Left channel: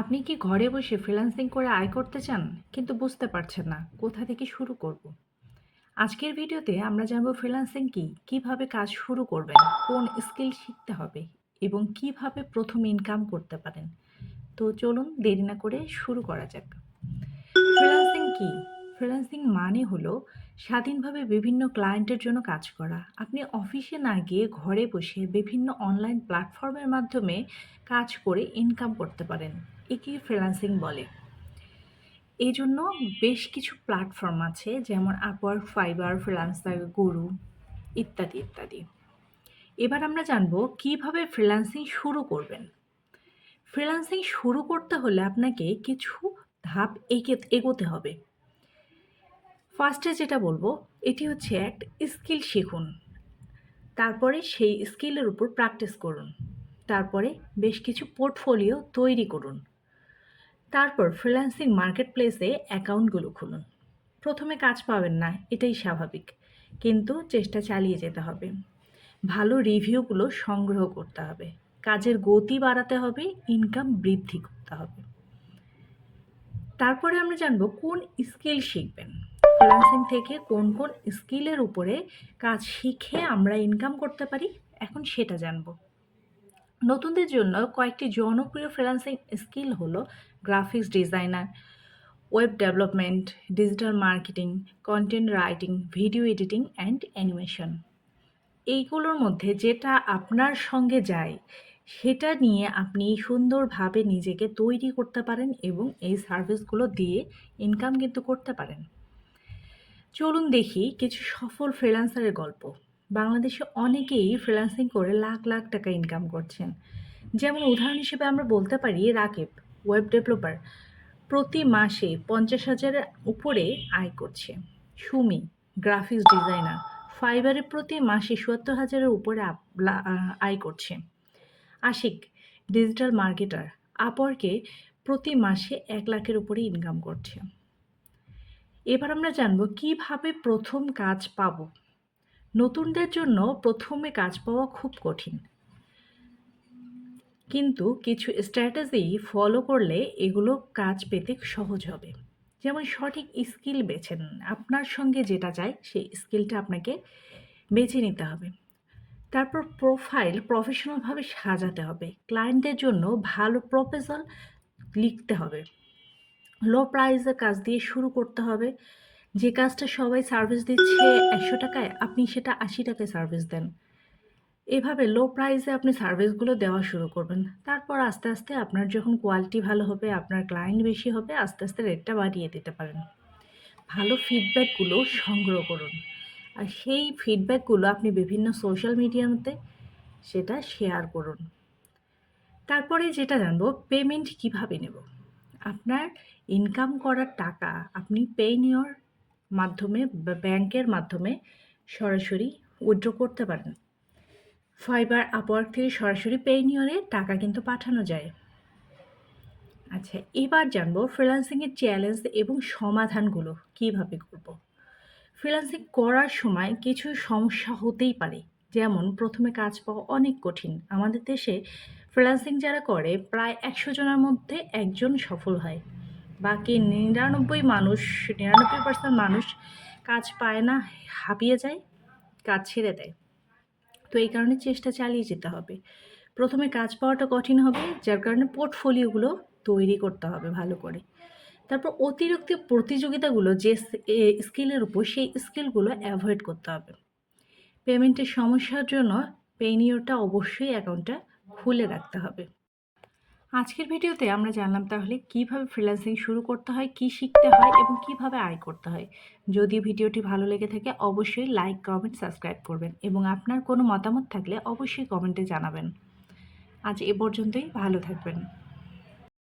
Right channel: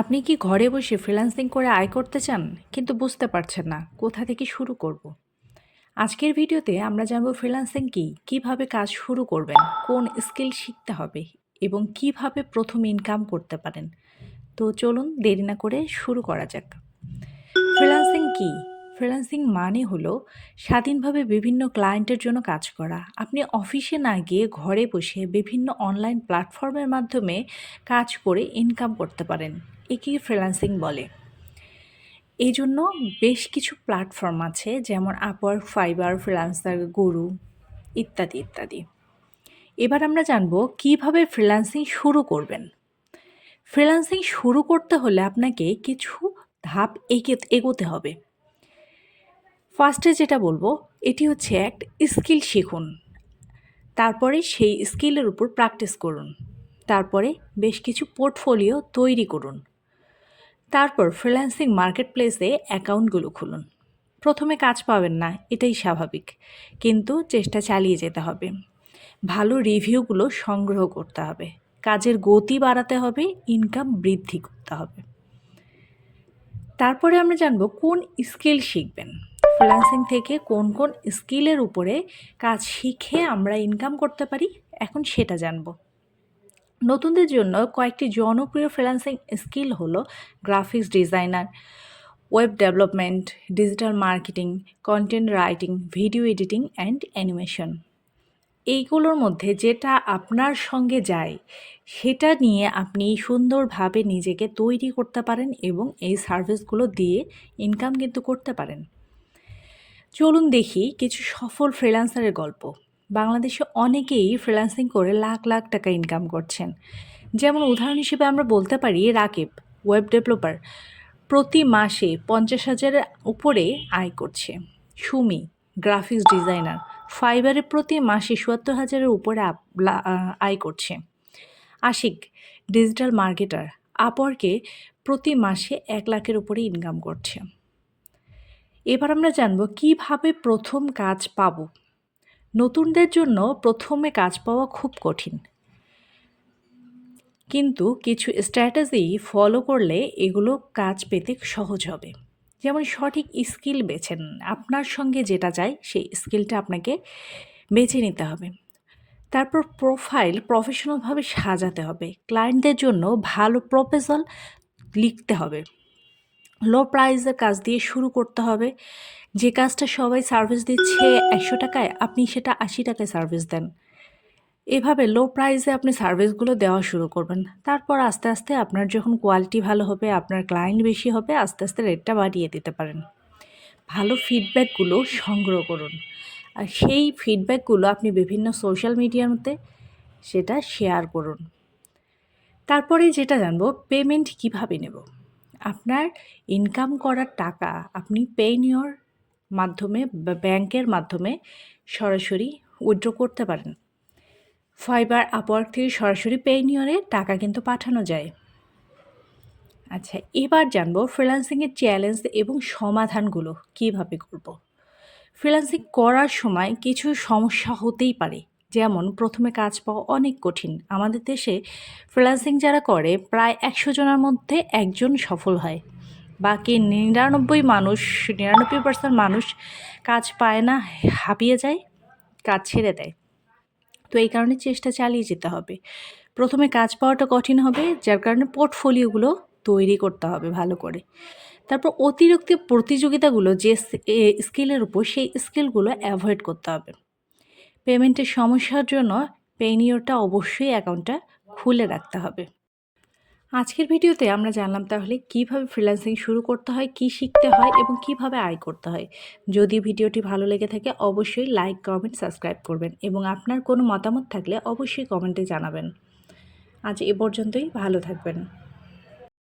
আপনি কি ঘরে বসে ফ্রিল্যান্সিং করে আয় করতে চান কিন্তু বুঝতে পারছেন না কোথা থেকে শুরু করব? আজকের ভিডিওতে আমরা জানব ফ্রিল্যান্সিং কি, কিভাবে কাজ শুরু করবেন, কোন স্কিল শিখতে হবে এবং কিভাবে প্রথম ইনকাম করতে পারেন। তো চলুন দেরি না করে শুরু করা যাক। ফ্রিল্যান্সিং কি? ফ্রিল্যান্সিং মানে হলো স্বাধীনভাবে বিভিন্ন ক্লায়েন্টের জন্য কাজ করা। আপনি অফিসে না গিয়ে ঘরে বসে বিভিন্ন অনলাইন প্ল্যাটফর্মের মাধ্যমে কাজ করে ইনকাম করতে পারেন। একেই ফ্রিল্যান্সিং বলে। এই জন্য বেশ কিছু প্ল্যাটফর্ম আছে যেমন আপওয়ার্ক, ফাইবার, ফ্রিল্যান্সার, গরু ইত্যাদি ইত্যাদি। এবার আমরা জানব কিভাবে ফ্রিল্যান্সিং শুরু করবেন। ফ্রিল্যান্সিং শুরু করতে হলে আপনাকে কিছু ধাপ এগোতে হবে। ফার্স্টে যেটা বলবো এটি হচ্ছে একটা স্কিল শিখুন। তারপরে সেই স্কিলের উপর প্র্যাকটিস করুন। তারপরে বেশ কিছু পোর্টফোলিও তৈরি করুন। তারপর ফ্রিল্যান্সিং মার্কেটপ্লেসে অ্যাকাউন্টগুলো খুলুন। প্রথমে কাজ পাবেন না, এটাই স্বাভাবিক, কিন্তু চেষ্টা চালিয়ে যেতে হবে। ভালো রিভিউগুলো সংগ্রহ করতে হবে, কাজের গতি বাড়াতে হবে, ইনকাম বৃদ্ধি করতে হবে। তারপরে আমরা জানব কোন স্কিল শিখবেন। ফ্রিল্যান্সিং থেকে কোন কোন স্কিলের উপরে কাজ শিখে আমরা ইনকাম করতে পারি, এখন সেটা জানব। নতুনদের জন্য কয়েকটি জনপ্রিয় ফ্রিল্যান্সিং স্কিল হলো graphics designer, web development, digital marketing, content writing, video editing and animation. এইগুলোর মধ্যে যেটা আপনার সঙ্গে যায় সেটা নিয়ে আপনি সুন্দরভাবে নিজেকে তৈরি করতে পারেন এবং এই সার্ভিসগুলো দিয়ে ইনকাম কিন্তু করতে পারেন। চলুন দেখি কিছু সফল ফ্রিল্যান্সারের গল্প। বাংলাদেশে অনেকেই ফ্রিল্যান্সিং করে লাখ লাখ টাকা ইনকাম করছেন। যেমন উদাহরণ হিসেবে আমরা বলতে পারি রাকিব, ওয়েব ডেভেলপার, প্রতি মাসে 50,000-এর উপরে আয় করছে। সুমি, গ্রাফিক্স ডিজাইনার, ফাইবারে প্রতি মাসে 70,000-এর উপরে আয় করছে। আশিক, ডিজিটাল মার্কেটার, আপওয়ার্কে প্রতি মাসে 1,00,000-এর উপরে ইনকাম করছে। এবার আমরা জানব কিভাবে প্রথম কাজ পাবো। নতুনদের জন্য প্রথমে কাজ পাওয়া খুব কঠিন, কিন্তু কিছু স্ট্র্যাটেজি ফলো করলে এগুলো কাজ পেতে সহজ হবে। যেমন সঠিক স্কিল বেছে নিন, আপনার সঙ্গে যেটা যায় সেই স্কিলটা আপনাকে বেছে নিতে হবে। তারপর প্রোফাইল প্রফেশনালভাবে সাজাতে হবে, ক্লায়েন্টদের জন্য ভালো প্রপোজাল লিখতে হবে। লো প্রাইসের কাজ দিয়ে শুরু করতে হবে। যে কাজটা সবাই সার্ভিস দিচ্ছে 100 টাকায়, আপনি সেটা 80 টাকায় সার্ভিস দেন। এভাবে লো প্রাইসে আপনি সার্ভিসগুলো দেওয়া শুরু করবেন। তারপর আস্তে আস্তে আপনার যখন কোয়ালিটি ভালো হবে, আপনার ক্লায়েন্ট বেশি হবে, আস্তে আস্তে রেটটা বাড়িয়ে দিতে পারেন। ভালো ফিডব্যাকগুলো সংগ্রহ করুন, আর সেই ফিডব্যাকগুলো আপনি বিভিন্ন সোশ্যাল মিডিয়ার মধ্যে সেটা শেয়ার করুন। তারপরে যেটা জানবো পেমেন্ট কিভাবে নেব। আপনার ইনকাম করার টাকা আপনি পেইনিওর মাধ্যমে বা ব্যাংকের মাধ্যমে সরাসরি উইথড্র করতে পারেন। ফাইবার, আপওয়ার্ক থেকে সরাসরি পেইনিওরে টাকা কিন্তু পাঠানো যায়। আচ্ছা, এবার জানবো ফ্রিল্যান্সিংয়ের চ্যালেঞ্জ এবং সমাধানগুলো কিভাবে করব। ফ্রিল্যান্সিং করার সময় কিছু সমস্যা হতেই পারে, যেমন প্রথমে কাজ পাওয়া অনেক কঠিন। আমাদের দেশে ফ্রিল্যান্সিং যারা করে প্রায় 100 জনের মধ্যে একজন সফল হয়, বাকি 99% মানুষ কাজ পায় না, হাঁপিয়ে যায়, কাজ ছেড়ে দেয়। তো এই কারণে চেষ্টা চালিয়ে যেতে হবে। প্রথমে কাজ পাওয়াটা কঠিন হবে, যার কারণে পোর্টফোলিওগুলো তৈরি করতে হবে ভালো করে। তারপর অতিরিক্ত প্রতিযোগিতাগুলো যে স্কিলের উপর, সেই স্কিলগুলো অ্যাভয়েড করতে হবে। পেমেন্টের সমস্যার জন্য পেইনিওরটা অবশ্যই অ্যাকাউন্টটা খুলে রাখতে হবে। আজকের ভিডিওতে আমরা জানলাম তাহলে কিভাবে ফ্রিল্যান্সিং শুরু করতে হয়, কি শিখতে হয় এবং কিভাবে আয় করতে হয়। যদি ভিডিওটি ভালো লেগে থাকে অবশ্যই লাইক, কমেন্ট, সাবস্ক্রাইব করবেন এবং আপনার কোনো মতামত থাকলে অবশ্যই কমেন্টে জানাবেন। আজ এ পর্যন্তই, ভালো থাকবেন।